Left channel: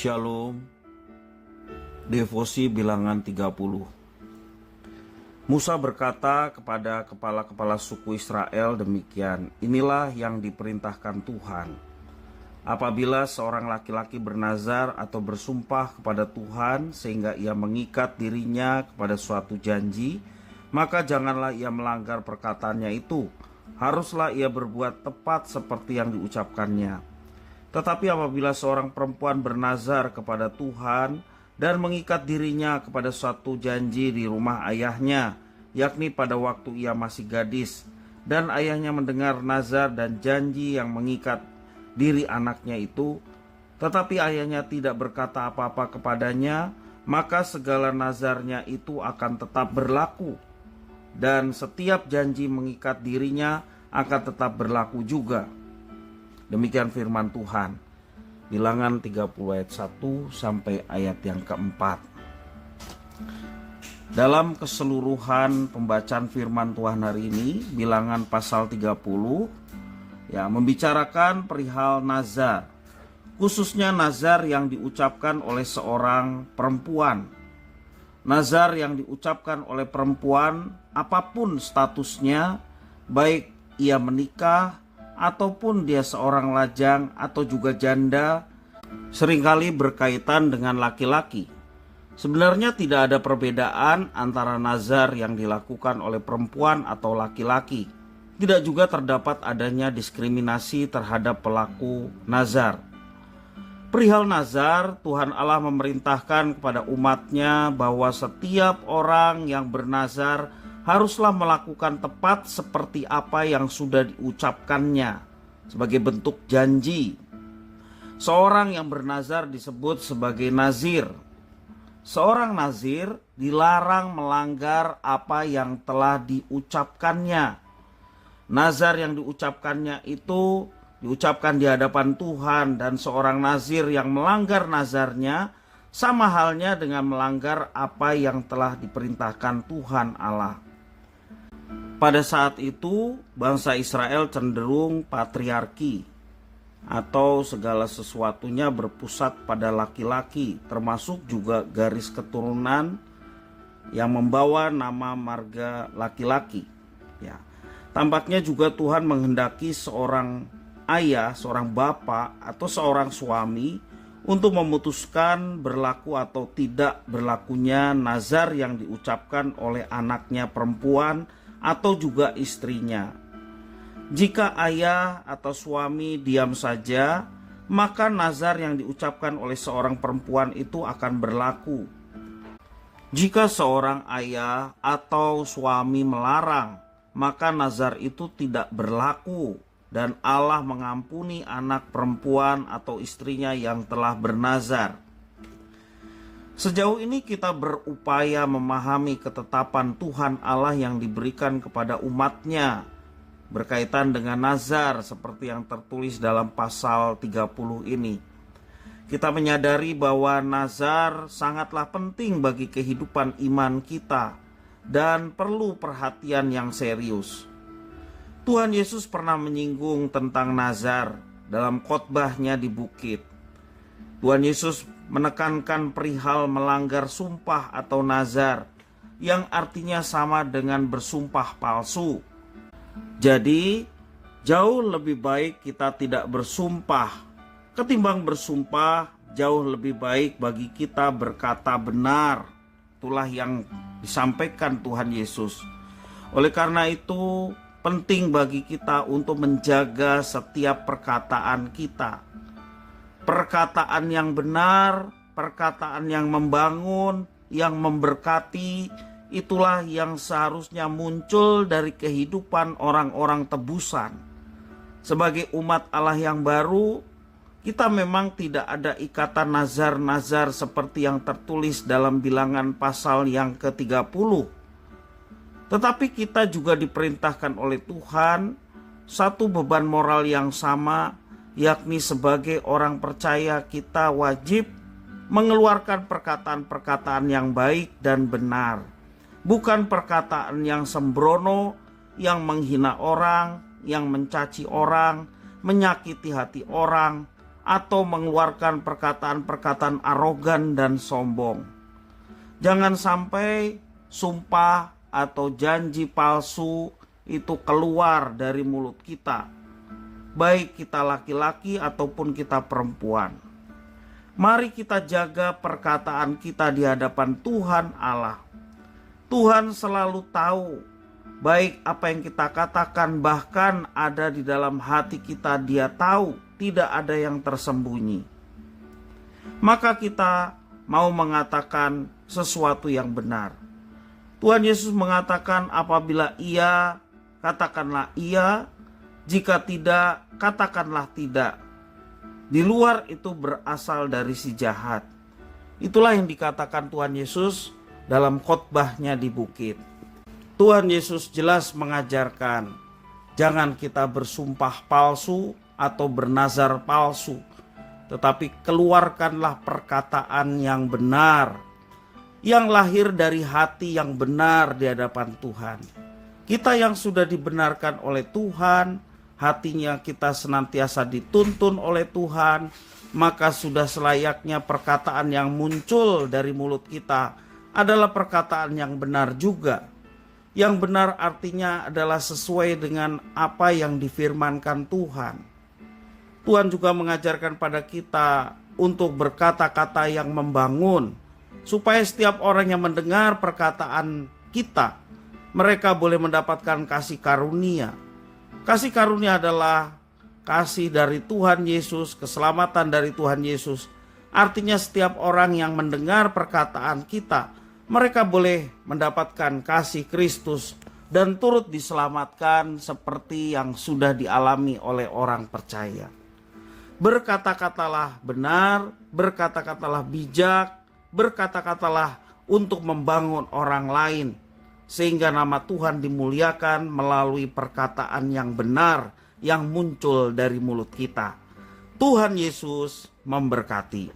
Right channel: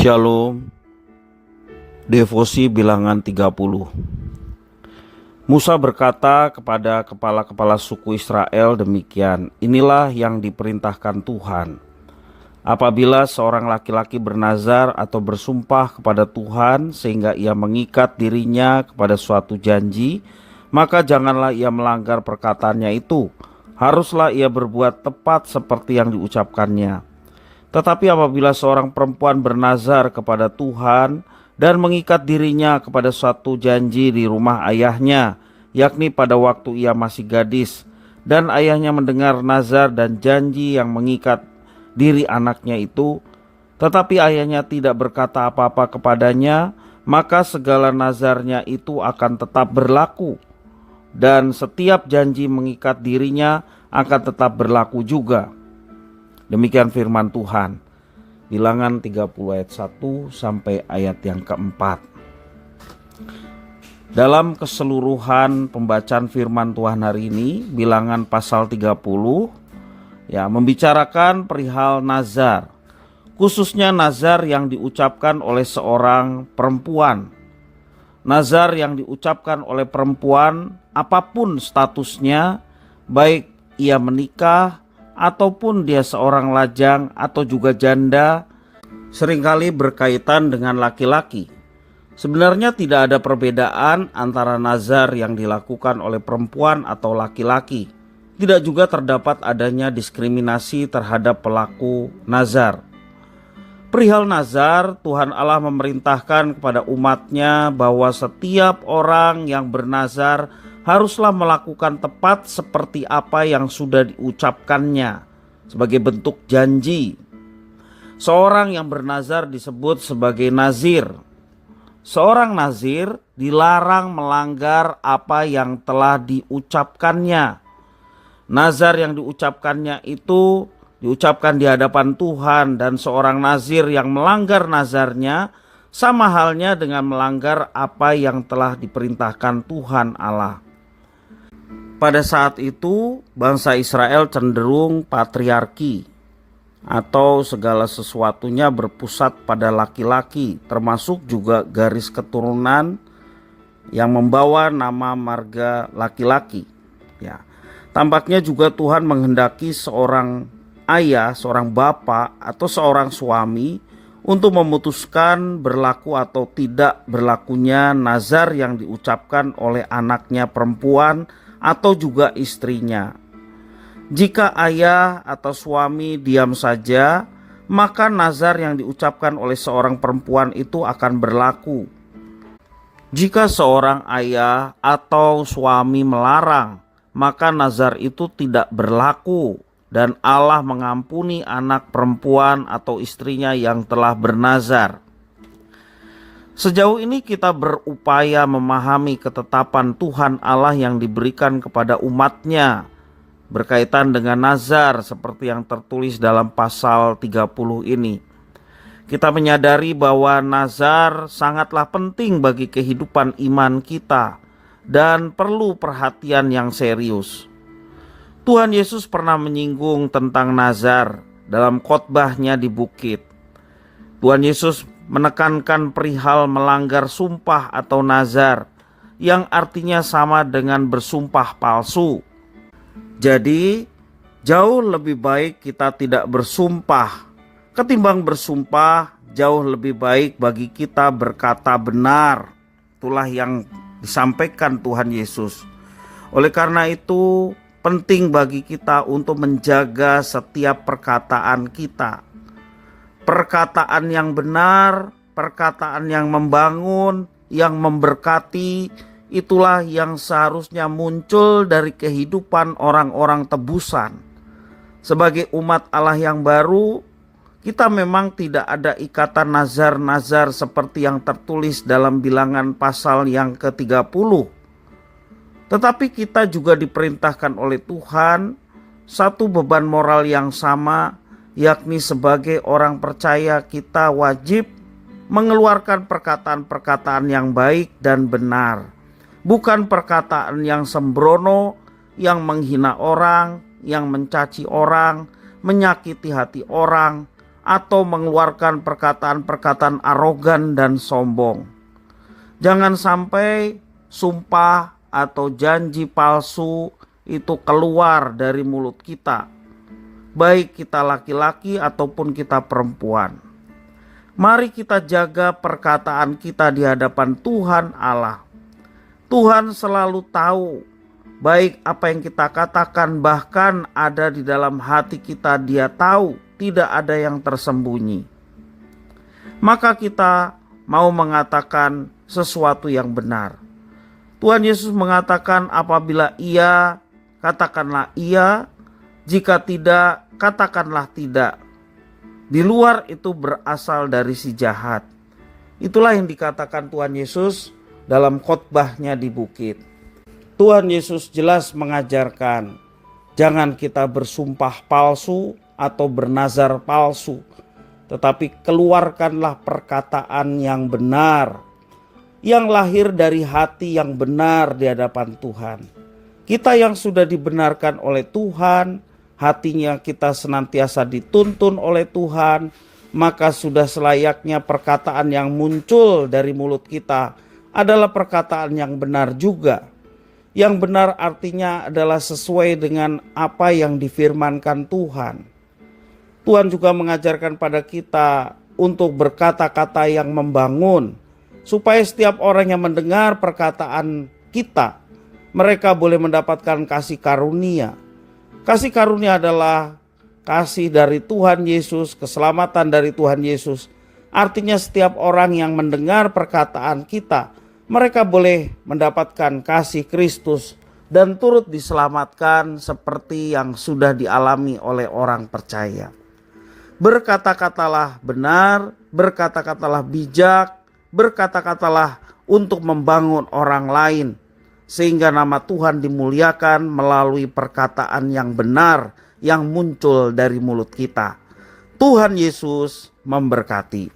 Shalom. Devosi bilangan 30. Musa berkata kepada kepala-kepala suku Israel demikian, inilah yang diperintahkan Tuhan. Apabila seorang laki-laki bernazar atau bersumpah kepada Tuhan sehingga ia mengikat dirinya kepada suatu janji, maka janganlah ia melanggar perkataannya itu. Haruslah ia berbuat tepat seperti yang diucapkannya. Tetapi apabila seorang perempuan bernazar kepada Tuhan dan mengikat dirinya kepada suatu janji di rumah ayahnya, yakni pada waktu ia masih gadis, dan ayahnya mendengar nazar dan janji yang mengikat diri anaknya itu, tetapi ayahnya tidak berkata apa-apa kepadanya, maka segala nazarnya itu akan tetap berlaku, dan setiap janji mengikat dirinya akan tetap berlaku juga. Demikian firman Tuhan. Bilangan 30 ayat 1 sampai ayat yang keempat. Dalam keseluruhan pembacaan firman Tuhan hari ini, Bilangan pasal 30 membicarakan perihal nazar. Khususnya nazar yang diucapkan oleh seorang perempuan. Nazar yang diucapkan oleh perempuan apapun statusnya, baik ia menikah ataupun dia seorang lajang atau juga janda, seringkali berkaitan dengan laki-laki. Sebenarnya tidak ada perbedaan antara nazar yang dilakukan oleh perempuan atau laki-laki. Tidak juga terdapat adanya diskriminasi terhadap pelaku nazar. Perihal nazar, Tuhan Allah memerintahkan kepada umatnya bahwa setiap orang yang bernazar haruslah melakukan tepat seperti apa yang sudah diucapkannya sebagai bentuk janji. Seorang yang bernazar disebut sebagai nazir. Seorang nazir dilarang melanggar apa yang telah diucapkannya. Nazar yang diucapkannya itu diucapkan di hadapan Tuhan, dan seorang nazir yang melanggar nazarnya sama halnya dengan melanggar apa yang telah diperintahkan Tuhan Allah. Pada saat itu, bangsa Israel cenderung patriarki atau segala sesuatunya berpusat pada laki-laki, termasuk juga garis keturunan yang membawa nama marga laki-laki. Tampaknya juga Tuhan menghendaki seorang ayah, seorang bapak atau seorang suami untuk memutuskan berlaku atau tidak berlakunya nazar yang diucapkan oleh anaknya perempuan atau juga istrinya. Jika ayah atau suami diam saja, maka nazar yang diucapkan oleh seorang perempuan itu akan berlaku. Jika seorang ayah atau suami melarang, maka nazar itu tidak berlaku, dan Allah mengampuni anak perempuan atau istrinya yang telah bernazar. Sejauh ini kita berupaya memahami ketetapan Tuhan Allah yang diberikan kepada umatnya berkaitan dengan nazar seperti yang tertulis dalam pasal 30 ini. Kita menyadari bahwa nazar sangatlah penting bagi kehidupan iman kita dan perlu perhatian yang serius. Tuhan Yesus pernah menyinggung tentang nazar dalam khotbahnya di bukit. Tuhan Yesus menekankan perihal melanggar sumpah atau nazar, yang artinya sama dengan bersumpah palsu. Jadi, jauh lebih baik kita tidak bersumpah. Ketimbang bersumpah, jauh lebih baik bagi kita berkata benar. Itulah yang disampaikan Tuhan Yesus. Oleh karena itu, penting bagi kita untuk menjaga setiap perkataan kita. Perkataan yang benar, perkataan yang membangun, yang memberkati, itulah yang seharusnya muncul dari kehidupan orang-orang tebusan. Sebagai umat Allah yang baru, kita memang tidak ada ikatan nazar-nazar seperti yang tertulis dalam Bilangan pasal yang ke-30. Tetapi kita juga diperintahkan oleh Tuhan satu beban moral yang sama, yakni sebagai orang percaya kita wajib mengeluarkan perkataan-perkataan yang baik dan benar. Bukan perkataan yang sembrono, yang menghina orang, yang mencaci orang, menyakiti hati orang, atau mengeluarkan perkataan-perkataan arogan dan sombong. Jangan sampai sumpah atau janji palsu itu keluar dari mulut kita, baik kita laki-laki ataupun kita perempuan. Mari kita jaga perkataan kita di hadapan Tuhan Allah. Tuhan selalu tahu baik apa yang kita katakan, bahkan ada di dalam hati kita. Dia tahu, tidak ada yang tersembunyi. Maka kita mau mengatakan sesuatu yang benar. Tuhan Yesus mengatakan, apabila iya, katakanlah iya, jika tidak, katakanlah tidak. Di luar itu berasal dari si jahat. Itulah yang dikatakan Tuhan Yesus dalam khotbahnya di bukit. Tuhan Yesus jelas mengajarkan, jangan kita bersumpah palsu atau bernazar palsu, tetapi keluarkanlah perkataan yang benar, yang lahir dari hati yang benar di hadapan Tuhan. Kita yang sudah dibenarkan oleh Tuhan, hatinya kita senantiasa dituntun oleh Tuhan, maka sudah selayaknya perkataan yang muncul dari mulut kita adalah perkataan yang benar juga. Yang benar artinya adalah sesuai dengan apa yang difirmankan Tuhan. Tuhan juga mengajarkan pada kita untuk berkata-kata yang membangun, supaya setiap orang yang mendengar perkataan kita, mereka boleh mendapatkan kasih karunia. Kasih karunia adalah kasih dari Tuhan Yesus, keselamatan dari Tuhan Yesus. Artinya setiap orang yang mendengar perkataan kita, mereka boleh mendapatkan kasih Kristus dan turut diselamatkan seperti yang sudah dialami oleh orang percaya. Berkata-katalah benar, berkata-katalah bijak, berkata-katalah untuk membangun orang lain, sehingga nama Tuhan dimuliakan melalui perkataan yang benar yang muncul dari mulut kita. Tuhan Yesus memberkati.